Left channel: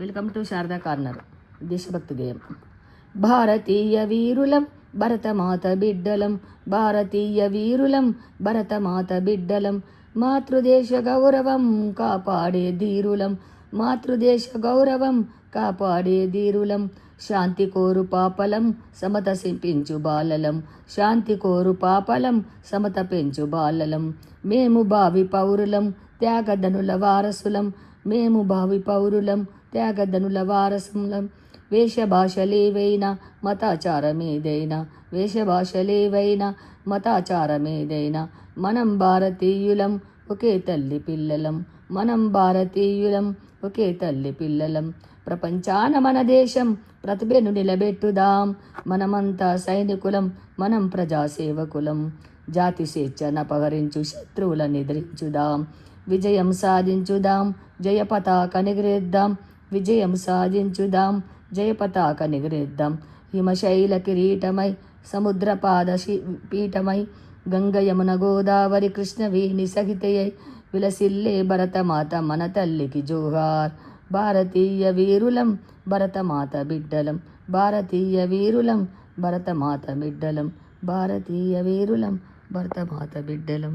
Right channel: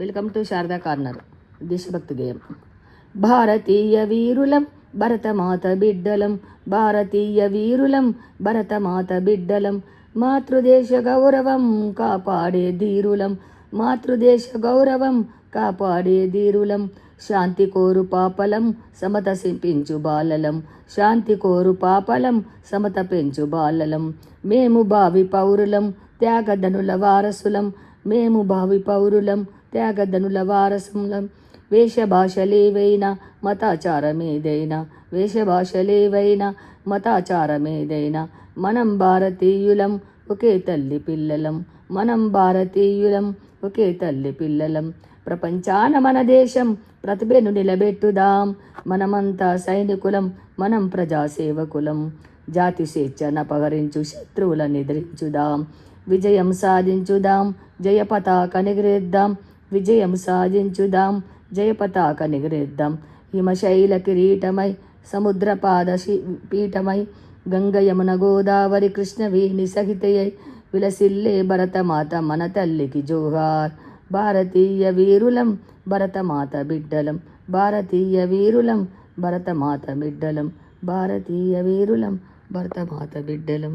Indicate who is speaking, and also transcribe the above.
Speaker 1: Welcome to Sharada corner. దేశభక్తి గేయం. భారతీయ వీరులం భరతమాత బిడ్డలం. భారతీయ వీరులం భరతమాత బిడ్డలం. మాతృదేశ గౌరవం కాపాడే ధీరులం. మాతృదేశ గౌరవం కాపాడే ధీరులం. శాంతి కోరు పాపలం సమత పెంచు బాలలం. శాంతి కోరు పాపలం సమత పెంచు బాలలం. మేము భావి పౌరులం త్యాగధనుల వారసులం. మేము భావి పౌరులం త్యాగధనుల వారసులం వేషభాషలేవైనా మతాచారమేదైనా. వేషభాషలేవైనా మతాచారమేదైనా. మనం భారతీయులం ఒకే తల్లి పిల్లలం. మనం భారతీయులం ఒకే తల్లి పిల్లలం. ప్రపంచాన మన దేశం ప్రతిభను నిలబెట్టుదాం. మనమంతా సైనికులం మనం ప్రజాసేవకులం. జాతి స్వేచ్ఛను అపహరించు శత్రువులను నిద్రించుదాం విజయం సాధించుదాం. జయ పతాక విజయం సాధించుదాం జయపతాక నిగరేద్దాం హిమశైల కిరీటమై సముద్రపాద పీఠమై గంగయమున గోదావరి కృష్ణవేణి సహితయై విలసిల్లే భరతమాత మన తల్లికి జోహార్ భారతీయ వీరులం భరతమాత బిడ్డలం భారతీయ వీరులం భరతమాత బిడ్డలం భారతీయ వీరులం భరతమాత బిడ్డలం